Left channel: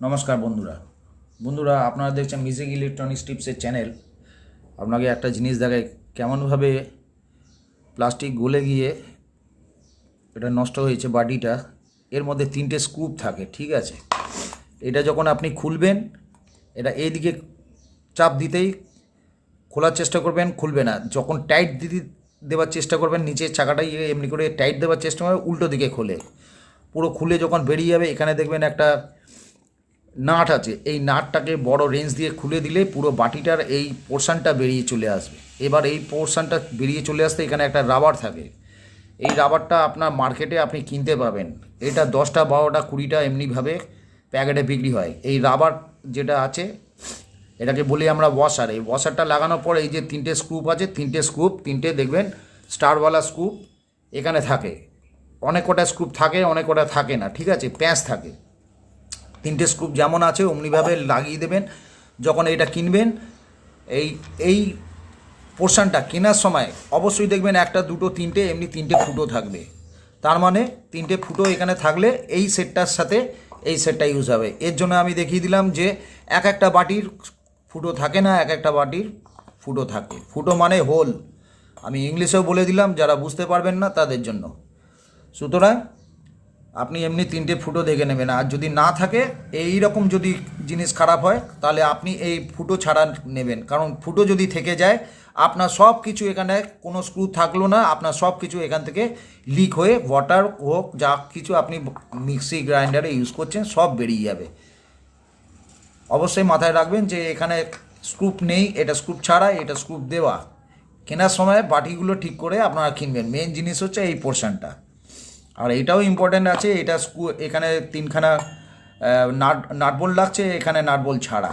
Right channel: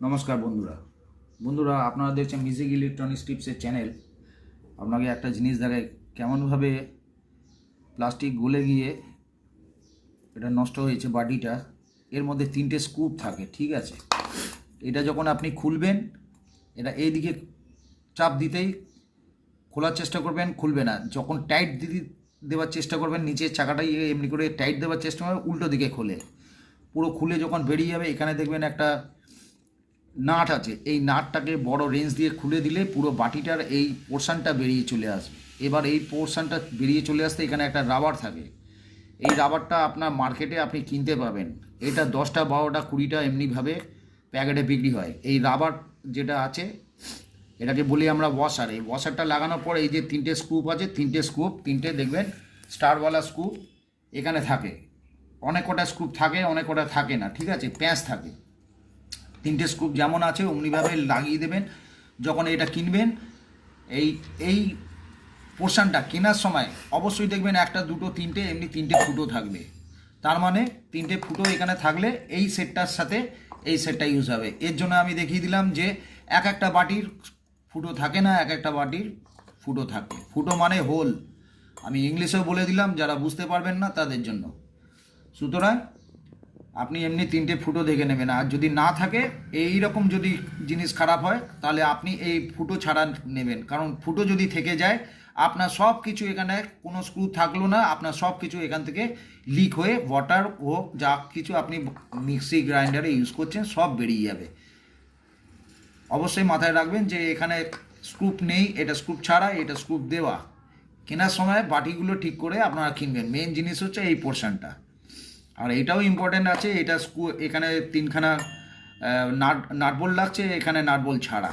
নমস্কার বন্ধুরা আপনারা দেখছেন মিউজিক ইলেকট্রনিক্স টিপসের চ্যানেল। আপনাকে একটা জিনিস দেখায় কেমনভাবে প্লাস্টিক গলে গিয়ে এটা নষ্ট হয়েছে বাটিটা। এর মধ্যে 3টে স্ক্রুপ থাকে, ঠিক আছে। এটা যখন আপনি খুলবেন, এটা এইদিকে চাপ দিতেই খোলার চেষ্টা করবেন, খুলবে না। যখন টাইট দেওয়ার চেষ্টা করবেন, নিচের চাকাটা এমনি করে টাইট দেওয়ার চেষ্টা করবেন, উল্টো দিকে খোলে। পুরো খুলে যখন বেরিয়ে যাবে, এখানে দেখবেন একটা নাট আছে। এই নাটটাকে বড় রেঞ্জ দিয়ে খুলে দিলে পুরো বাটিটার এই পোর্শনটা বেরিয়ে চলে আসবে। এবার এই পোর্শনটা বেরিয়ে চলে আসতে এখানে একটা রাবার থাকে। এই রাবারটা আপনার মার্কেটে আপনি কিনতে পাবেন। এটা 10টা 12টা 20টা এমনিভাবে প্যাকেটে বিক্রি হয়। এই রাবার যেটা আছে এটাকে বলি আমরা ওয়াশার। এই ওয়াশারটা লাগানোর পর এই যে 3টে স্ক্রুপ আছে, 3টে দেখবেন স্টারওয়ালা স্ক্রুপ এখানে থাকে। অনেক কটা স্ক্রুপ থাকে, অনেক কটা থাকে না, ঠিক আছে। প্যাঁচ থাকে। 3টে স্ক্রুপ যেমন আছে অমনিভাবে লাগিয়ে দেবেন। যখন এটা কিনবেন, এই এই পোর্শনটা কেনার সময় অবশ্যই দেখবেন 1টা 2টো 3টে এমনি 3টে ফুটো থাকবে। তার মানে 3টে ফুটো এখানে থাকলে এই সেটটার সাথে এই সেটটা ইউজ হবে। এর জন্য আমি দেখিয়ে দিলাম যে একটা বাটির ফুটো থাকে না, একটা বাটির ফুটো থাকে। ফুটো মানে হোল। আমি ইংলিশেও বলে দিলাম, যারা বুঝতে পারবেন না তাদের জন্য। সুতরাং আপনি এমনি 3টে ফুটো দেখে নেবেন। আর যদি না থাকে, এই রকম যদি জিনিস খারাপ হয়, তাহলে আপনি এই ফুটো ছাড়া নেবেন। কারণ ফুটো যদি থেকে যায়, আপনার সব কিছু এখানে কোনো স্ক্রু থাকলো না, আপনার সব কিছু এখান থেকে লিক হয়ে ওয়াটার হোক, যা কিছু আপনি মিক্সি গ্রাইন্ডারে ইউজ করছেন সব বেরিয়ে যাবে। অবশ্যই মাথায় রাখবেন যে এখানে স্ক্রুপ নেই, এটা স্ক্রুপ ছাড়া, এটা স্ক্রুপ দেওয়া। কেনার সময় বাটিগুলো ঠিক করে আপনারা কিনবেন। মেন জিনিস হচ্ছে এই পোর্শনটা। আর এটাও ইম্পর্টেন্ট আছে, এটা এখানে 3খানা নাট বোল্ট লাগছে, এখানে নাট বোল্ট ছাড়া।